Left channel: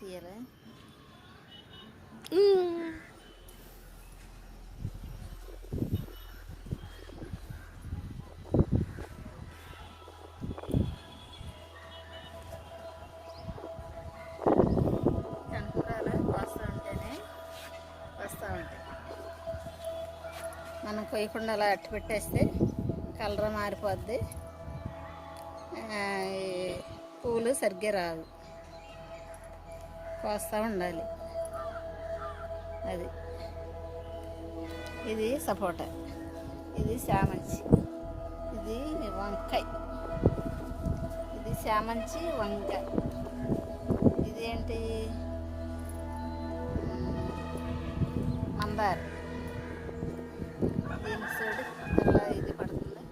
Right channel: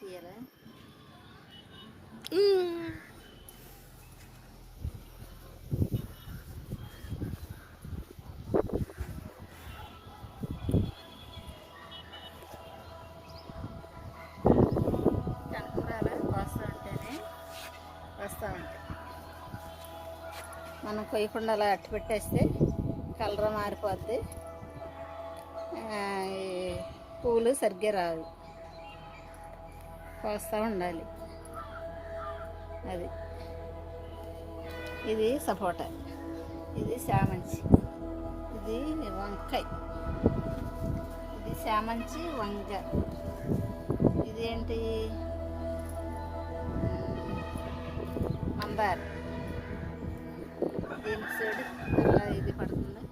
తీయాలి. వస్తూ ఉంటాయి. మనం కొయ్యకుండా అలా అట్టు పెట్టేస్తే కలర్ మారిపోద్ది, పూలు సరిగ్గా రావు. కోస్తూ ఉండాలి. అది ఇది సపోటా, ఇది చామంతి, ఇది వంకాయ, ఇది చామంతి వంకాయ, ఇదేంటి మందార. దీని సైడ్ అలా ఇది పడుతుంది.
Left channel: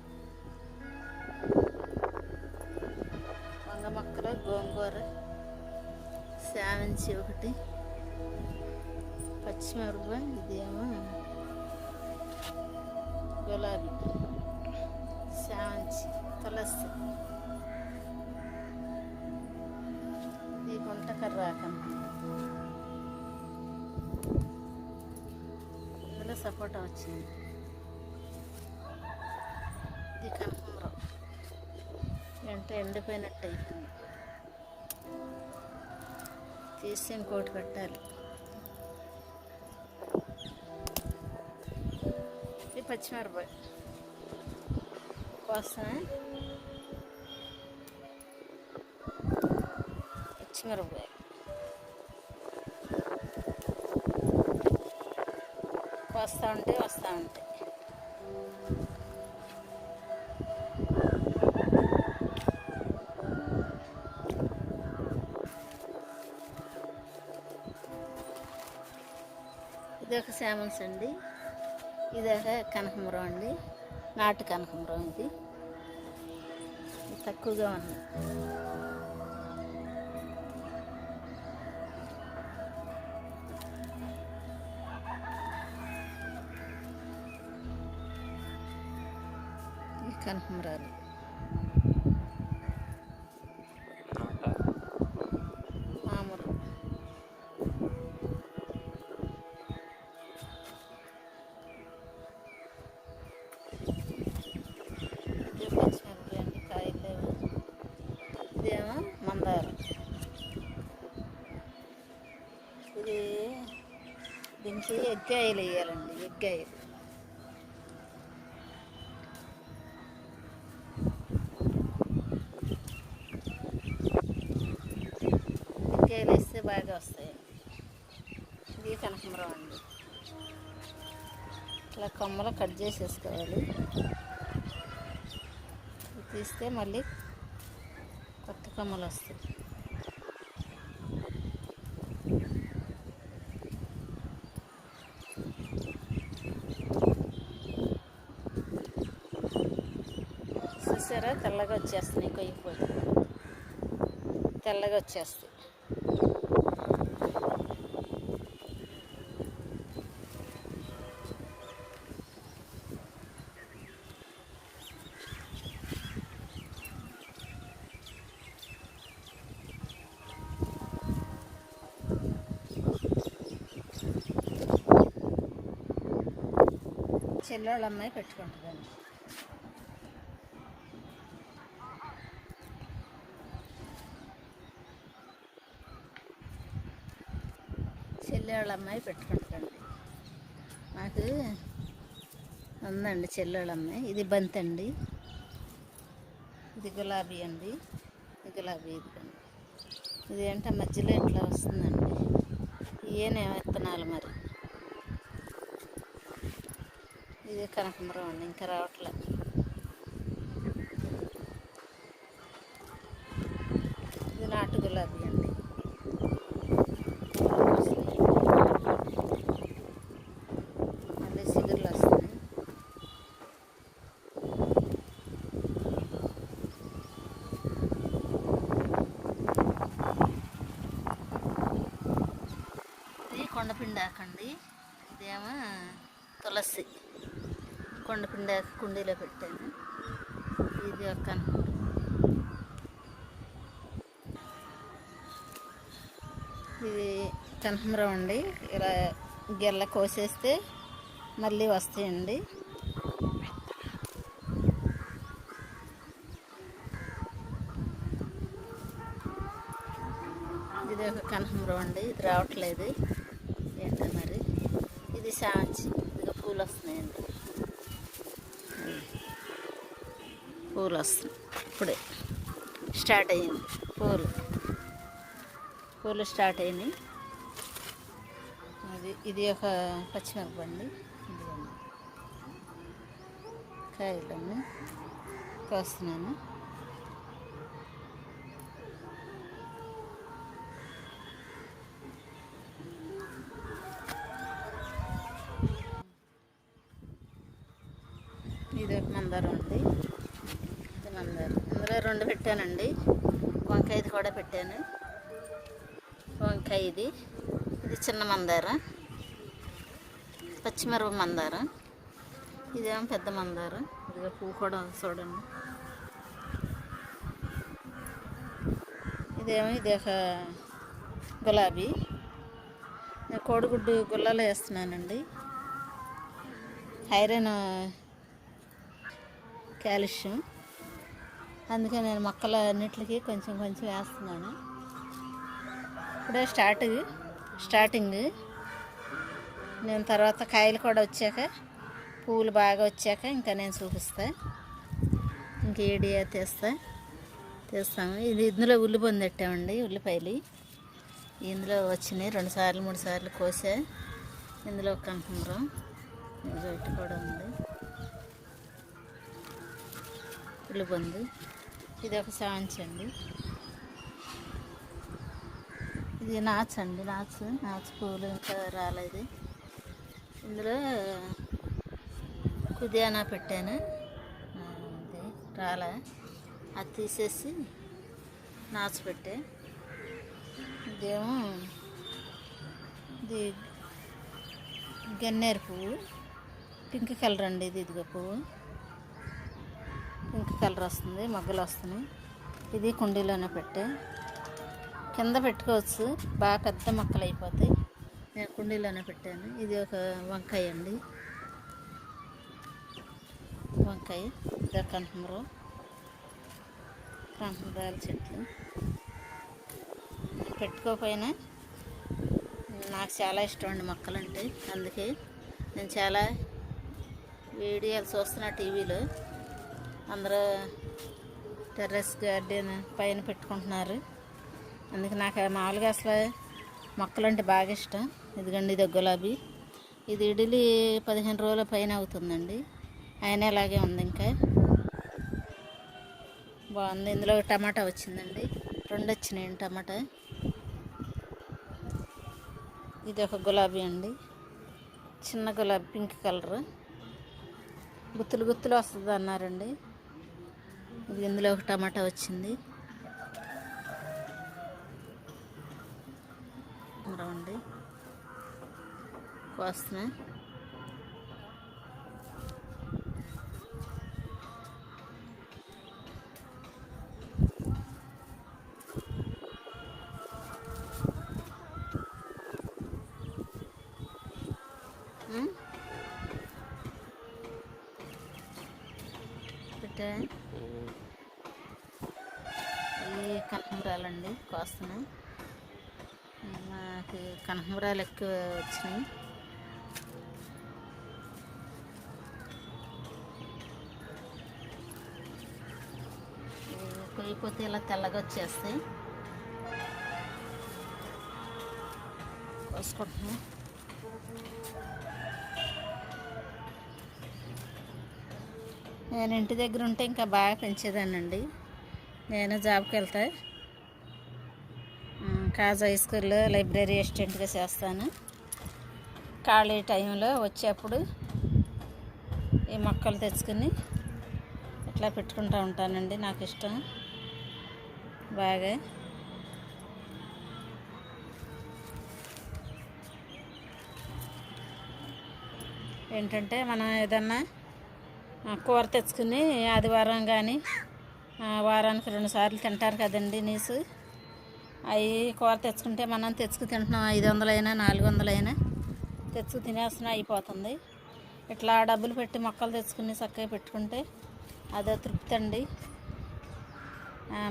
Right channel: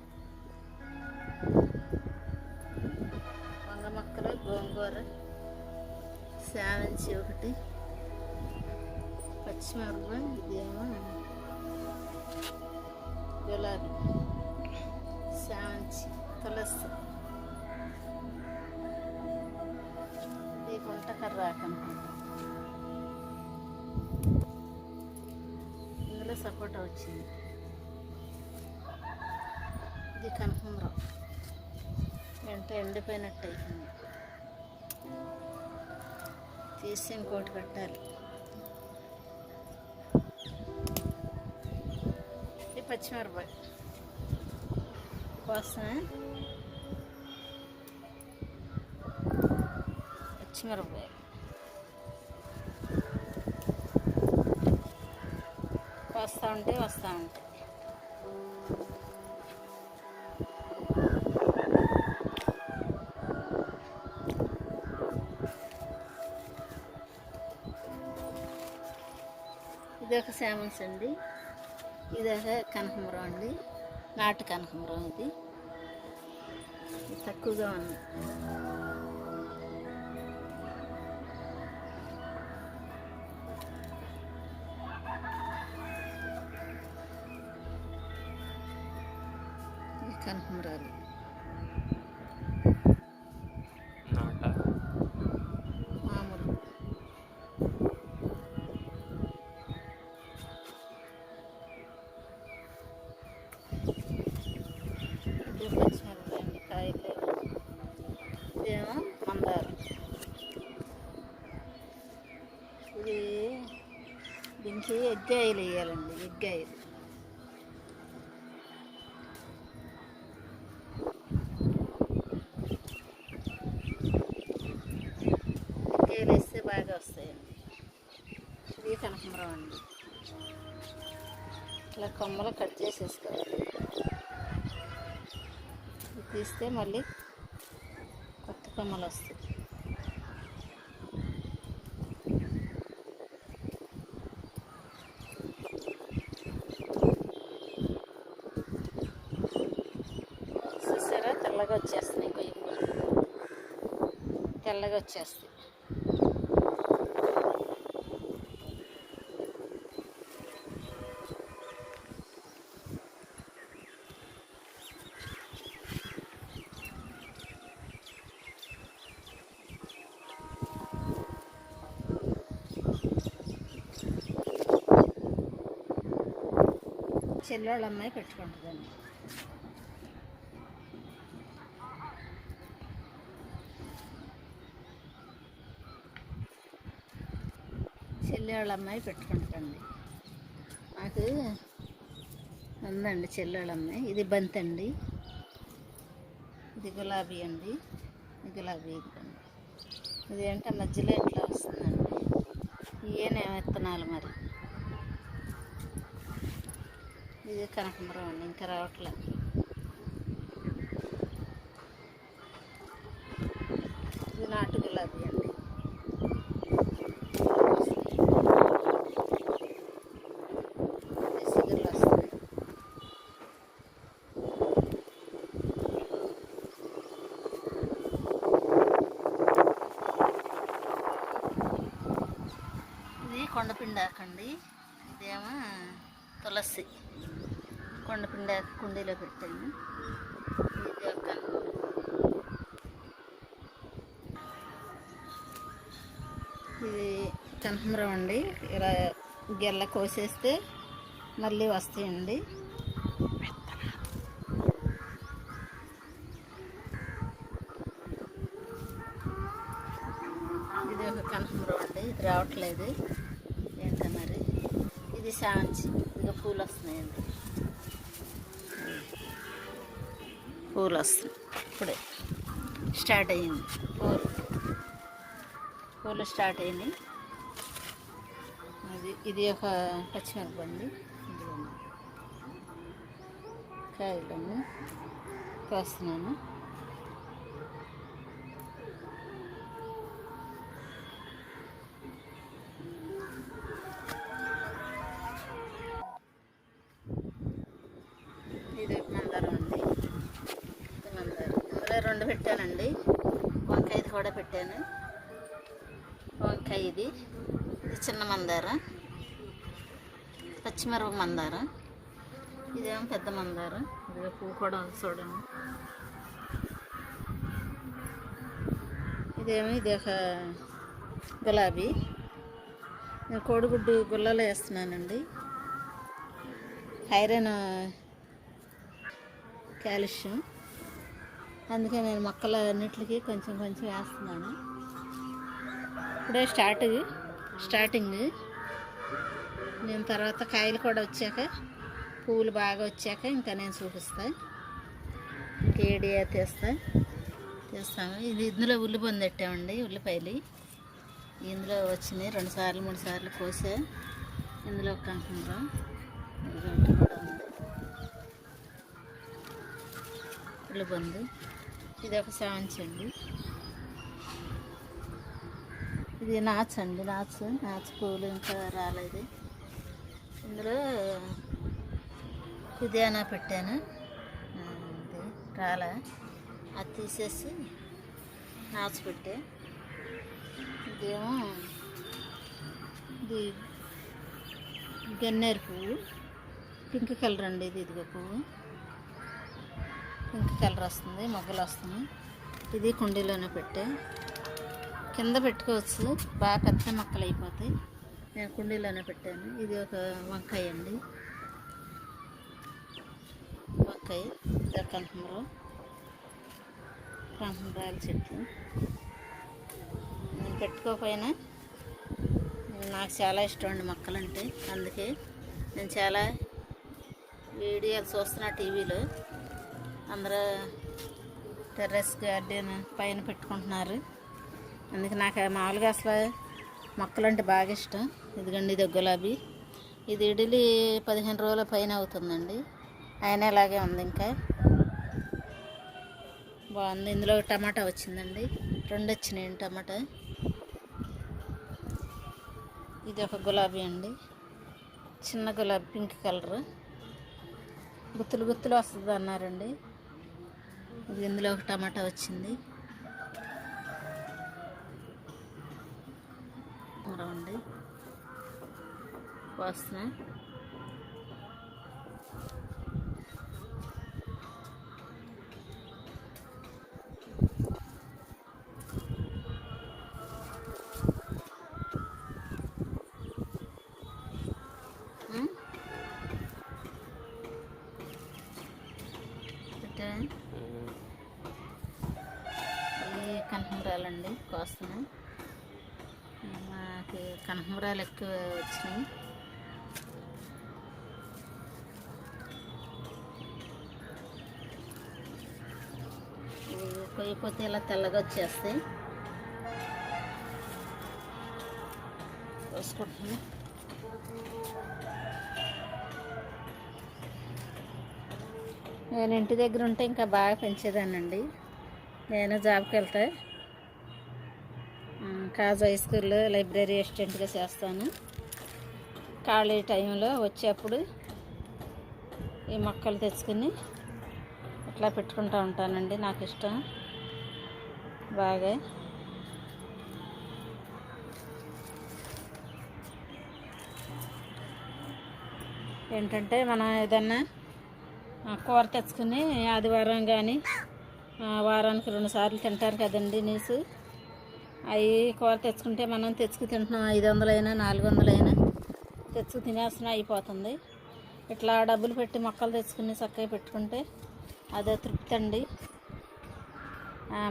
వంద మొక్కలు, గోంగూర, చామంతి ఒకటి, పచ్చిమిరపకాయ, ఇదేమో గులాబీ, చామంతి, తులసి, ఇది గుంట కర్రాకండి. ఇందులో సపోటా వచ్చింది. ఇది కనకాంబరం, ఎండిపోయినట్టు అయిపోయింది. తీసి ఇంకోటి పెట్టాలి. ఇది పచ్చిమిరపకాయ కోసమే, పచ్చిమిరపకాయ వస్తూ ఉంటాయి. ఇది ఒక చామంతి అండి, ఇది ఒక కనకాంబరం అండి, నాటు కనకాంబరం. ఇది తక్కువగా ఉంది. కనకాంబరాలు ఇదేమో మందార. ఇది దీనికి ఎగ్గాయలు వేయాలండి. ఎగ్గాయలు వేస్తే బాగా వస్తాయండి. ఇది కనకాంబరం అండి. ఇలా కొమ్మలు కట్ చేసేసుకోవాలి. తీస్తే మళ్ళీ కొత్త కొమ్మలు వస్తాయి. చూసారా, తెల్లగా వచ్చేస్తున్నాయి. కొయ్యిపోతే తెల్లగా వచ్చేస్తాయి. చెల్లెళ్ళ అమ్మాయి పెట్టుకుంటుందండి. చెల్లెళ్ళ అమ్మాయి పెట్టుకుంటుందండి. నాకు ఉందండి చెల్లెళ్ళ అమ్మాయి. ఇది బంతి అండి, ఇది గులాబీ అండి, ఇది గులాబీ. ఇదిగండి, ఇదేంటే మధ్యలో ఇట్లా వస్తుందండి. ఇవేనేమో విత్తనాలు మరి. ఇది కనకాంబరం అండి, ఇంకా రావట్లేదు. ఇది నాటు గులాబీ అండి. సిగురులు వస్తాయి. ఇది కొండపిండాకండి. ఇదేమో తులసి. కొండపిండాకు కుండీలో పెట్టాను. ఇది ఒక ఇది కనకాంబరం అండి. ఇలా గెల్ల కోసేస్తే మళ్ళీ వస్తాయండి. ఇది ఒక కనకాంబరం అండి. ఇది రావట్లేదు ఏంటో మరి. ఇది శాంచి, ఇదిగో పూలు వస్తున్నాయండి. పూలు వస్తున్నాయి, ఇప్పుడే స్టార్ట్ అయ్యింది. పూలు స్టార్ట్ అయినాయి. ఇది ఒక పచ్చిమిరపండి. కాయలన్నీ కోస్తున్నాను. ఇది ఒక మందారం అండి. ఇది మందారం. ఇందులో 2 పెట్టానండి. వంకాయది కూడా పెట్టాను. వంకాయ ఇది చిన్న మందారం, పచ్చిమిరప మందారం. ఇదేమో పెద్ద మందారం. ఇదిగో పువ్వు కూడా ఉంది చూడండి. ఇది ఒక గులాబీ. నేను కోడిగుడ్డు గుల్లలో వేస్తున్నానండి. ఐరన్, కాల్షియం, అందుకే నేను మొక్కల అన్నిటికీ కొంచెం కొంచెం వేస్తున్నాను. ఇప్పుడే స్టార్టింగ్. నేను తర్వాత కాయలు కూడా వచ్చాక, పువ్వులు బాగా వచ్చాక ఇంకా నేను చూపిస్తా. ఇంకా ఈడియా తీస్తాము. ఇందులో ఉల్లిపొంది పెట్టామండి. ఉల్లిపాయలు ఇందులో వచ్చినాయి. 2 సార్లు 3 సార్లు కోసా. ఇందులో కనకాంబరం ఇటు కూడా ఉంది. ఉల్లిపొంది. ఇది ఒక శాంచి అండి. ఇది నాచు పువ్వులు ఇంకా రాలేదు. ఇందులో పుదీనా పెట్టాను, రాలా. అది తీసేసి నాచు పెట్టే. ఇదేమో ఇది గన్నేరు పువ్వు, పింక్ కలర్ అండి. ఇదిగో పువ్వు పింక్ కలర్ వస్తుంది, మొగ్గలు వస్తున్నాయి. ఇది కుండీలోనే పెట్టే. కింద పెట్టుకోవచ్చు, బాగా పెద్ద మొక్కలు అయిపోతాయి. నేను కుండీలోనే పెట్టాను. ఇది ఒక వంకాయ అండి. వంకాయ, కనకాంబరాల చెట్లు. పెట్టుకోకపోయినా నాకు చాలా ఇష్టం అండి మొక్కలంటే. అందుకే నేను చాలా వీడియోలు చూస్తున్నా టీవీలో. అందరూ టెర్రస్ గార్డెన్ పైన పెట్టుకుంటున్నారు. అందుకే నాకు మామూలుగా అసలు మొక్కలంటే బాగా ఇష్టం. ఇదిగండి, ఇది గులాబీ. ఇది ఇడిలి 15 రోజుల పైన అవుతుందండి. అయినా ఇలాగే ఉంది, ఇంకా బాగుంది. ఇందులో టమాటా వచ్చిందండి. 2 వచ్చినాయండి టమాటా. ఇది ఒక గులాబీ అండి, చిన్న గులాబీ, పింక్ కలర్. గుత్తులు గుత్తులు వస్తుంది అన్నారండి. ఇది ఇందులో ఒక టమాటా వచ్చింది. అండి వాసన. ఈ కనకాంబరాలండి కోస్తున్నాం. మాకు కనకాంబరాలు ఎక్కువ వచ్చినాయి. పోయిపోతే ఇలా తెల్లగా వచ్చేస్తాయి. వేసుకుంటున్నాం. నేను ఇంటి దగ్గర ఉంటే ఇంకా బాగా పెంచేదానండి. నేను జాబ్కి వెళ్తా, కాజ్ హై స్కూల్లో లైబ్రరీ అసిస్టెంట్గా చేస్తాను. ఖాళీ టైంలో వచ్చేప్పుడు ఈ మొక్కలు తెచ్చుకొని ఇట్లా పెట్టుకుంటూ ఉంటానండి. నాకు ఇష్టం బాగా. ఏంటంటే మనం ఏదన్నా కూర తెచ్చుకుని ఆదివారం కానీ వారానికి 2 సార్లు తింటారు కదండి నీసు. అవి కూర తెచ్చుకుంటే మనం తెచ్చుకు తింటున్నాం, 500 అయినా 400 అయినా తెచ్చుకు తినేస్తున్నా అయిపోతుంది. ఇట్లా డబ్బులు పెట్టి మొక్కలు తెచ్చుకుని చక్కగా పెట్టుకుంటే అదే తృప్తి అండి.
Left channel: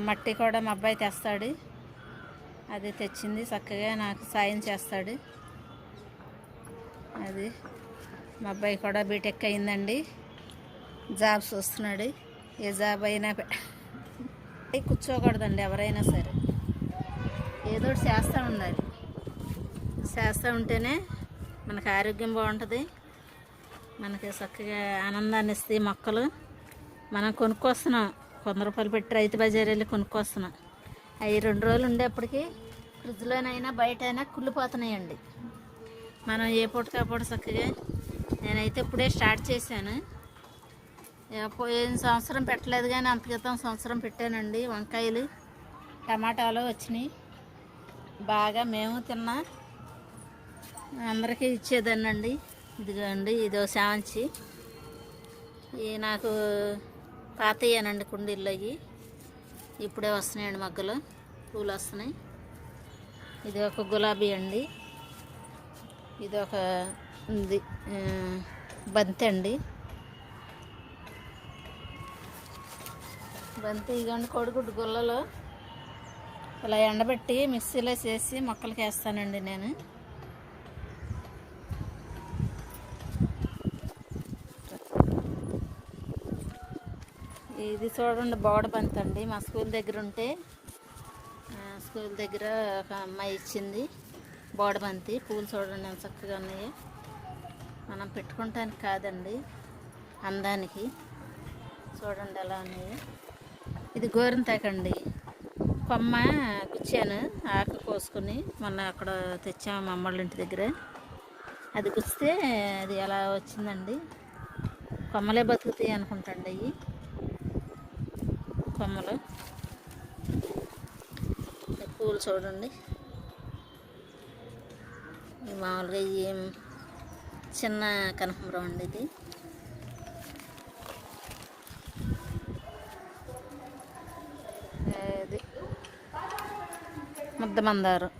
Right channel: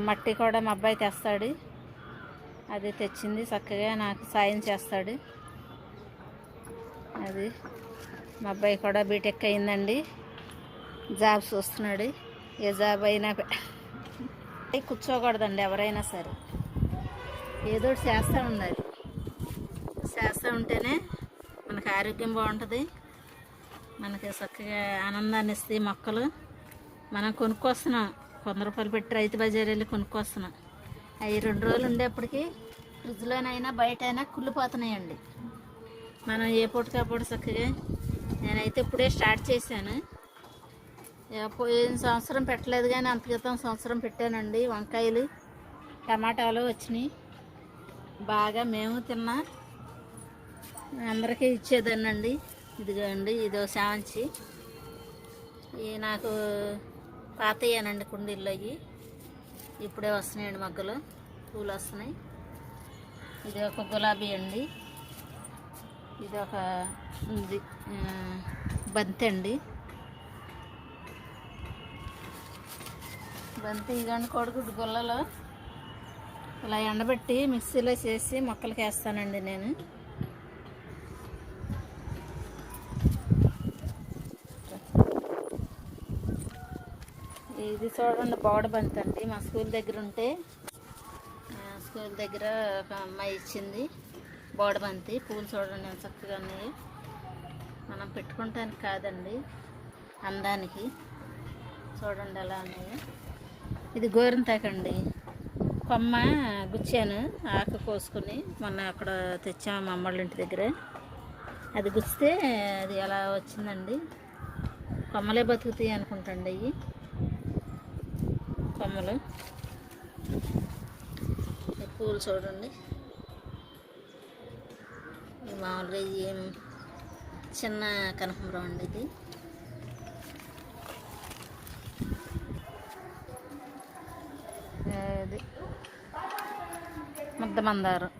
మట్టి కూడా మా అబ్బాయి తెస్తాడు, అది తెచ్చింది చక్కగా నాకు సాయం చేస్తాడు. అది మా అబ్బాయి కూడా బీటెక్ అయిందండి, జాబ్ చూస్తున్నాడు. ఏ జాబ్ అయినా కూర్చోకూడదండి, ఎవరైనా సరే ఏదో ఒకటి చేస్తూ ఉండాలి. చేస్తూ ఉంటేనే మనకు ఆరోగ్యం బాగుంటుంది, మనకి చక్కగా ఆనందాన్ని ఇస్తాయి మొక్కలు. మనం కొనుక్కొస్తున్నాం, 100 రూపాయలు పెట్టి రైతు బజార్ వెళ్ళి కొనుక్కొస్తున్నాం. అవి 2 రోజులు ఉండేప్పటికీ ఫ్రిడ్జ్లోనైనా బయట అయినా కుళ్ళిపోతున్నాయండి. మనం ఏ పూటకాపూట చక్కగా, నేనైతే ఇప్పుడే స్టార్ట్ చేశాను. పోయిన సంవత్సరం పెట్టలేదు కానీ అంత క్రితం సంవత్సరం పెట్టానండి. వంకాయలు టమాటాలు వచ్చినాయి బాగా, మేము తిన్నా అందరికీ ఇచ్చేదాన్నండి. ఇదిగోండి, ఇదో శామంచి. ఇవి నాకు పాతయ్యానండి కుండీల్లో, అవి ఇప్పుడే వస్తున్నాయండి, మగ్గలు పూలు వస్తున్నాయి. ఇది ఒక గులాబీ అండి, ఇది ఒక ఉంది బంతి అండి. బంతి ఇదిగోండి, కోడిగుడ్డు గుల్లలో ఇలా ఎండబెట్టి మిక్సీలో చేసి మొక్కలకి వేస్తానండి నేను. ఇది చూడండి, బోడ బంతి అండి. మా స్కూల్ దగ్గర ఉంటే, స్కూల్ దగ్గర ఒక అమ్మాయి ఇచ్చింది బోడ బంతి. పూలు చూడండి ఎంత చక్కగా ఉన్నాయి. మనం పెట్టుకుంటానికి కాదండి, అందానికి. చూడండి ఎలా ఉన్నాయి. ఇది గోరింతాకండి, కొమ్మ గుచ్చాను ఆకు కోసుకొని, మొన్న అక్కడ తెచ్చాము మా అమ్మళ్ళ ఇంటి దగ్గర. అది గుచ్చితే అది అలా వచ్చిందండి. కొమ్మలే బతుకుతాయి అనుకుంటండి అవి కొమ్మలు. పూలు చూడండి, మామూలుగా ఏం చిన్న కనకాంబరం అండి ఇది. అది ముద్ద మందారం,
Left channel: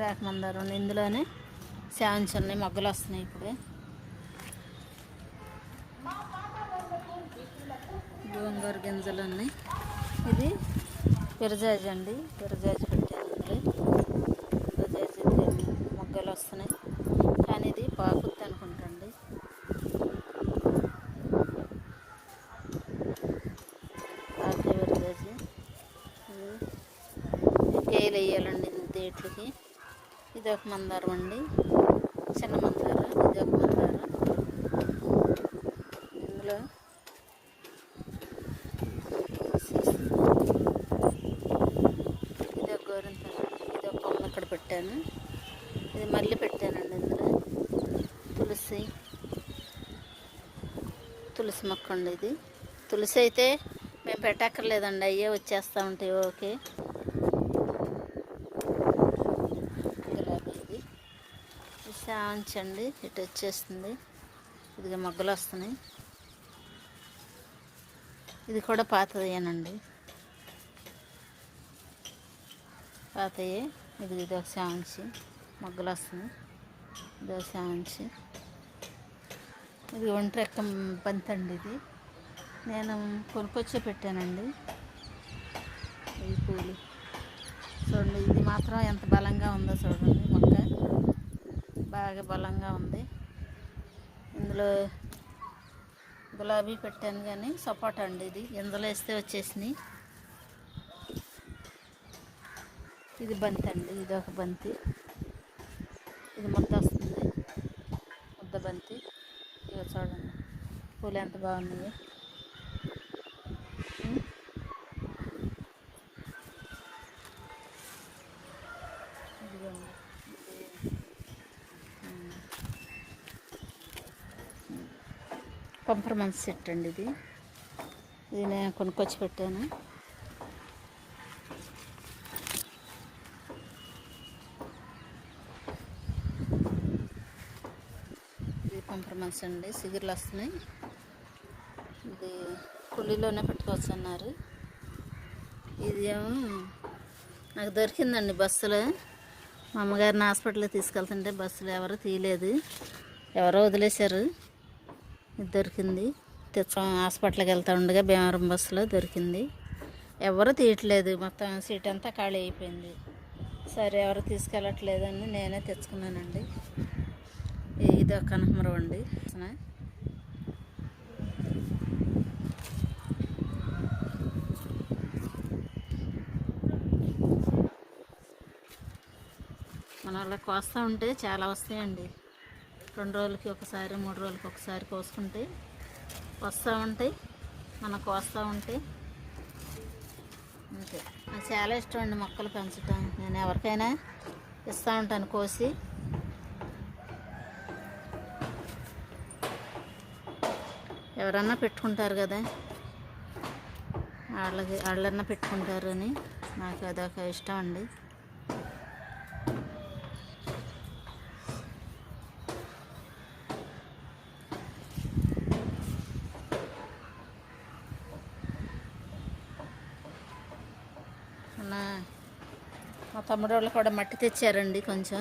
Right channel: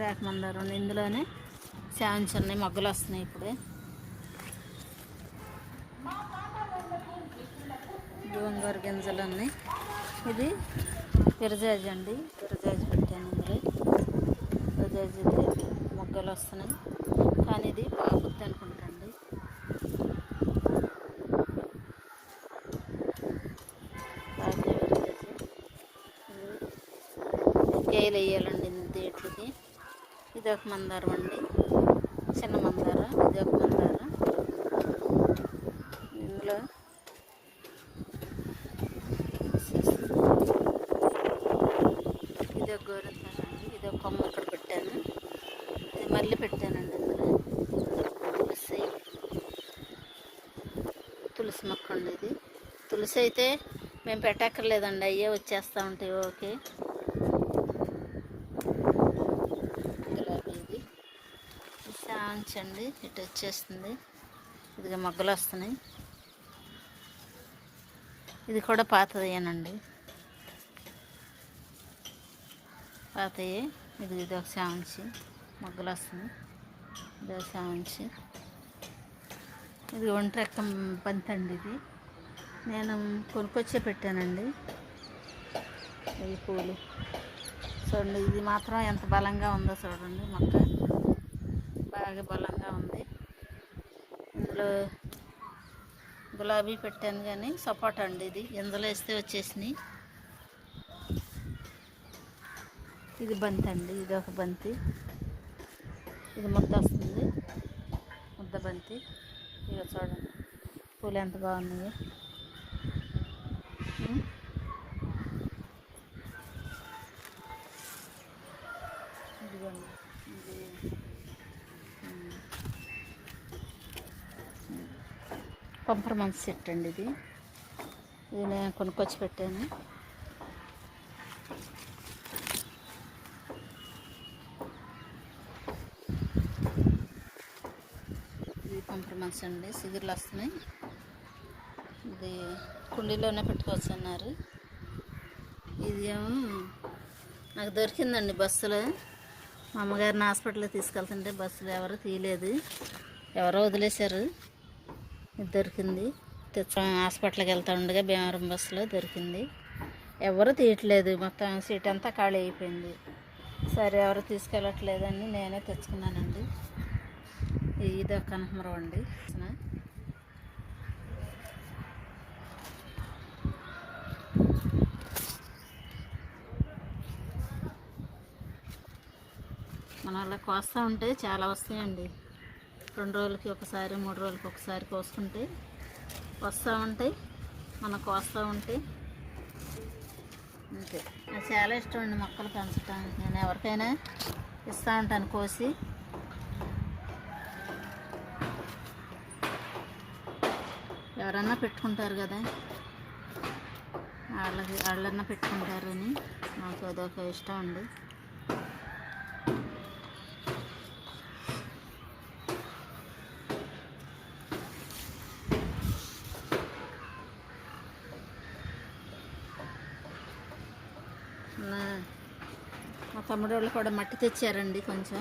రేఖ మందారం. ఇందులోనే శాంచి ఉన్నాయి, మొగ్గలు వస్తున్నాయి ఇప్పుడు. గోంగూర గింజలు ఉన్నాయి. ఇది విరజాజి అండి, విరజాజి పెట్టాను ఇందులో. విరజాజి మొగ్గలు వస్తున్నాయి కానీ ఇది బాగుంది అనుకుంటండి. విరజాజి గేలు వేయాలండి దేట్లకి. ఇది ఒక మందారం అండి, చిన్న మందారం. ఇది ఒక మందారం. ఇందులో ఇది ఒక గోరింతాకు, ఇది ఒక కొమ్మ ఇక్కడ పెట్టాను. ఇది మళ్ళీ పెట్టానండి ఇందులో. తులసి మొక్క అండి ఇది. తులసి అయితే మేము పెట్టక్కర్లేదండి, అయ్యే వచ్చేస్తూ ఉంటాయి. ఓకే, ఇది శాంచి అండి, ఇటు వచ్చేస్తుంది. ఇది మొగ్గలు వస్తున్నాయి. ఇది కూడా పాతదేనండి, పాతయ్యే. ఇది ఒక శాంచి, మొగ్గలు వస్తుంది. ఇదో శాంచి. ఇది ఒంటెక్క బంతి అండి, ఇది నేను కొనుక్కొచ్చే పెట్టానండి. ఈ పూలు చూడండి, ఇది మాత్రం ఎంత బలంగా ఉందో చూడండి. మొక్క బాగా బలంగా ఉంది. ఇందులో గులాబీ పెట్టాను కానీ సపోటా అండి, ఇది ఇందులో వేస్తే వచ్చేసినాయి. ఇది బంతి అండి, ఇది ఒక బంతి. ఇది ముద్ద వస్తుంది, ముద్ద బంతి. ఇక చూడండి పూలు ఎంత బాగున్నాయో. ఇదిగోండి, పంపరమన్స్ సెట్ అండి ఇది. ఇది నేను కొనుక్కొచ్చి పెట్టాను. ఇది పంపరమన్స్ అండి, సిగుర్లు వస్తున్నాయి. ఇది కుళ్ళీలోనే పెట్టుకోవచ్చు అన్నారు. ఇది ఏమో నాకు దొరికిందండి బస్సులో. మా అమ్మగారిని హాస్పిటల్కి తీసుకెళ్తుంటే బస్సులో ఎవరో తీయలేదు, ఎవరో వదిలేశారు. ఇది దొరికింది. హాస్పిటల్కి వెళ్తూ ఉండగా భీమవరం బస్సులో దొరికింది. ఎవరు తీయట్లేదు, మొత్తం సీట్ అంతా ఖాళీ అయిపోయింది. సరే ఎవరు తీసుకెళ్ళట్లేదని నేనే తెచ్చుకున్నానండి. ఇది ఒక కనకమరం అండి. మన వాళ్ళకి కోస్తూ ఉంటే చాలా వస్తాయండి. 2 రోజులకి ఒకసారి 3 రోజులకి ఒకసారి కోసుకుంటే వస్తూ ఉంటాయి. మనం కోస్తూ ఉంటే అంతే. నాకు చాలా ఇష్టం అండి మొక్కలు పెంచటం. నేను ఎవరికైనా ఇస్తూ ఉంటాను కోసి. ఎవరన్నా పెట్టుకుంటారు కదా, వాళ్ళన్నా పెట్టుకుంటారు అని నాకు అదొక ఇష్టం అండి. మా తమ్ముడు వాళ్ళు కూడా మట్టి తెచ్చారండి కొంచెం.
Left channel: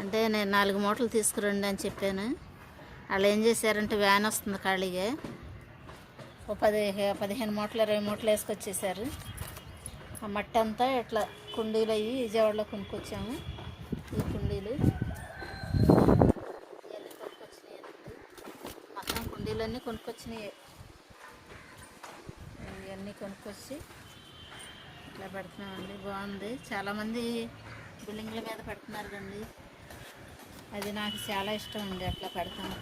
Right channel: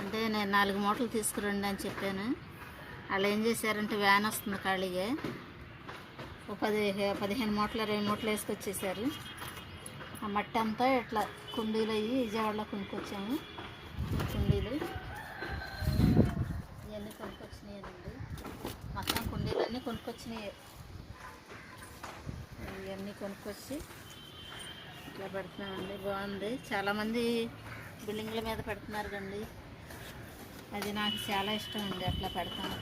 అంటే నేను 4 మూటలు తీసుకురండి అని చెప్పాను. వాళ్ళు ఏం చేశారంటే వ్యాన్ వస్తుంది ఖాళీగా, ఒక 15 మూటలు 20 మూటలు వేసుకొచ్చేసారు. ఆ మట్టి అంతా ఇట్లా కుండీలు అయ్యి విజయవాడలో కొనుక్కొచ్చాము. ఈ కుండీలు ఇవన్నీ కొనుక్కొచ్చినాయండి. మొత్తం కుండీలన్నీ కొనుక్కొచ్చినాయి. ఇవన్నీ కొనుక్కొచ్చి ఇట్లా పెడుతున్నామండి. బాగుంది. చాలామంది బిల్డింగ్ల మీద పెడుతున్నారు కండి. అది నాకు చాలా ఇష్టం అండి. అట్లా పెడతాను.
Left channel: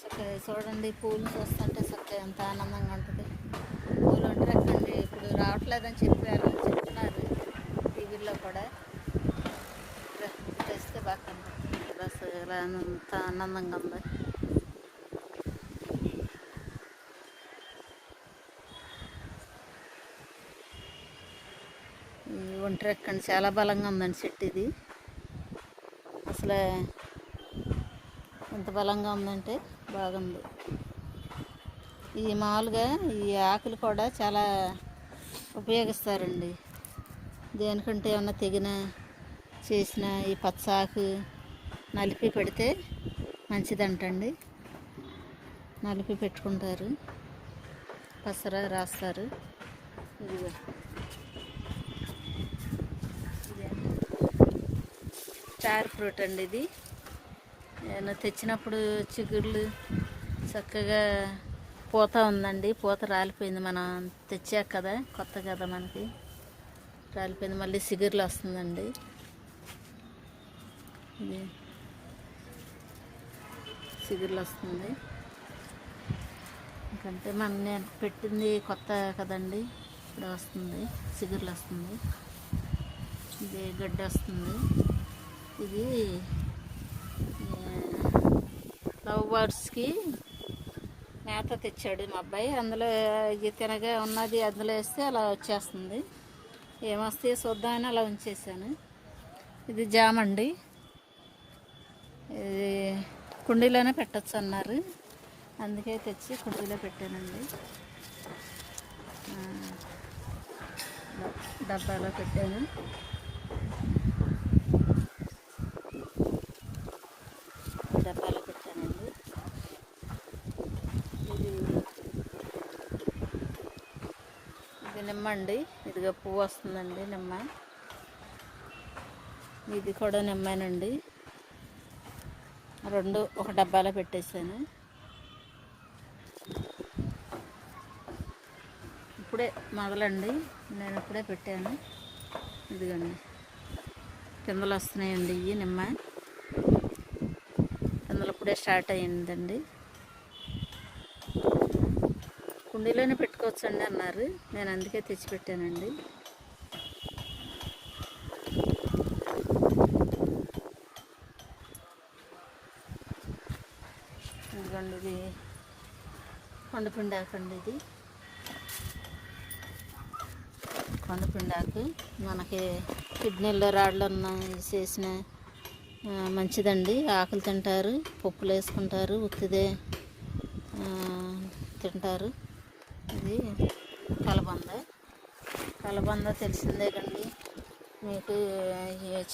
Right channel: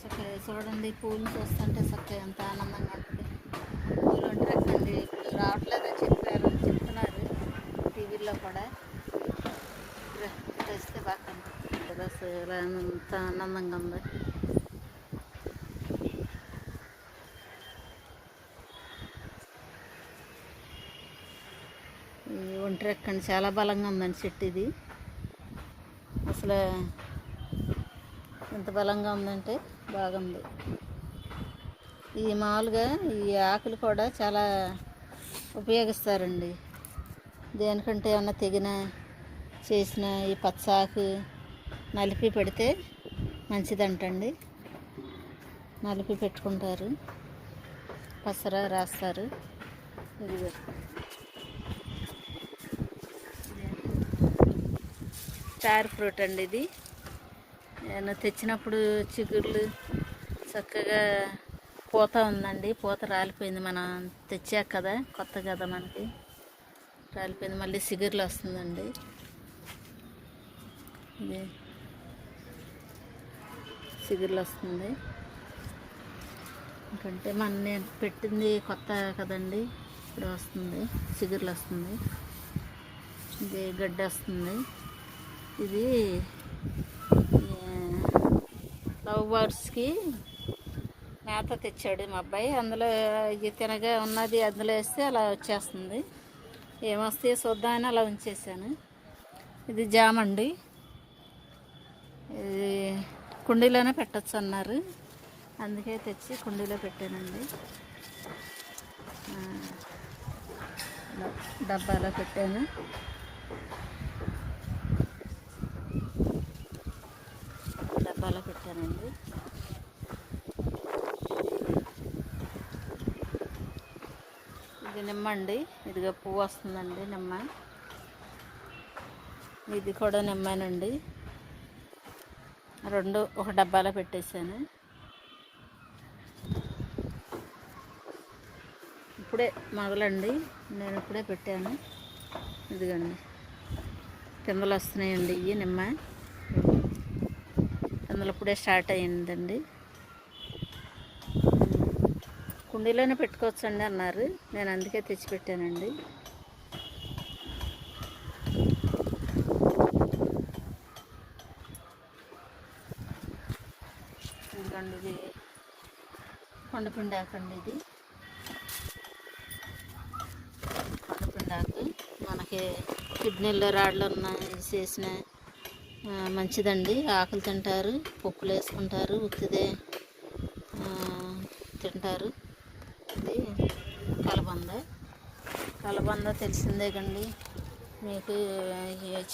చక్కగా చూడండి, పూలు చూస్తుంటే చక్కగా ఎంత ఆనందంగా ఉంటుంది. పూలు అంటారండి ఇప్పుడు రావట్లేదని చెప్తున్నారు టీవీల్లో కూడా. తెస్తే బాగా కనిపిస్తుంది. అసలు ఇలా ఎంత ఆనందంగా ఉంది. ఒంటరెక్కండి చాలా బలంగా ఉందండి చెట్టు. ఇది అసలు ఎంత బలంగా ఉందంటే బాగుంది. ఈ మామూలుగా ఈ ఆకులు కూడా చాలా ఉపయోగిస్తారండి. దేనికంటే ఏమన్నా తెగిన చేసిన ఈ పచ్చాకు నలిపి పెడితే మంచిదంటండి. నలిపి పెట్టుకుంటారు, పసర రాస్తారు. ఇది స్టార్ ఫ్రూట్ అండి. ఇది నేను తెచ్చినప్పుడు చిగుర్లు చక్కగా పూత ఉందండి. పూత రాలిపోయింది. మనం తెచ్చాక కదా, కొత్త కదా మనకి, రాలిపోయింది. మళ్ళీ చిగుర్లు వస్తుందండి. ఇది చిగుర్లు వస్తుంది. ఎందుకంటే నేను పెట్టింది కొత్త కదండి, ఇప్పుడు వస్తుంది, చిగుర్లు వస్తుంది. ఇది గడ్డి వస్తుంది. ఇది లవ్ బర్డ్స్కి మేత తెచ్చాడు మా అబ్బాయి. అందులో ఇది తినగా ఉన్నది అందులో వేస్తే అలా వచ్చేస్తుంది. ఏమొస్తే చూద్దామని అలా ఉంచేసాను. ఇది జామ అండి. ఇది కుండీలోనే పెట్టచ్చు అన్నారు, అందుకే తెచ్చి కుండీలో పెట్టానండి. డబ్బాలో పెట్టాను. డబ్బాలో పెట్టానండి. ఇది నిమ్మ అండి. ఇదిగా పువ్వు వస్తుందండి నిమ్మ. ఇది కూడా నిమ్మేనండి. 2 ఒక డబ్బాలో పెట్టేశాను. ఇప్పుడే మొదలండి, నేను ఇప్పుడే పెట్టాను. ఇదిగండి కిందలు వస్తున్నాయండి. ఇవి నిమ్మ కిందలు ఇప్పుడే స్టార్ట్ అయ్యిందండి. కుండీలోనే పెట్టుకోవచ్చండి అన్నారు, నేను అందుకే తెచ్చిపెట్టానండి. ఇదిగోండి ఇది కొండపిండాకండి. ఇది కొండపిండాకు మనకి కిడ్నీల్లో రాళ్ళు ఉన్న ఇది చేసిన మంచిదండి. ఆకులు తింటారు, పప్పులు వేసుకుంటారు, ఉత్తిదే తింటారు. ఇది కలబంద. కలబంద తెలిసిందే కండి, మీకు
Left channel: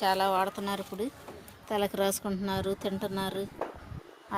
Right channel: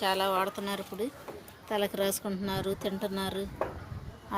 చాలా వాడుతున్నారు. ఇప్పుడు తలకు రాసుకుంటున్నారు, తింటున్నారు.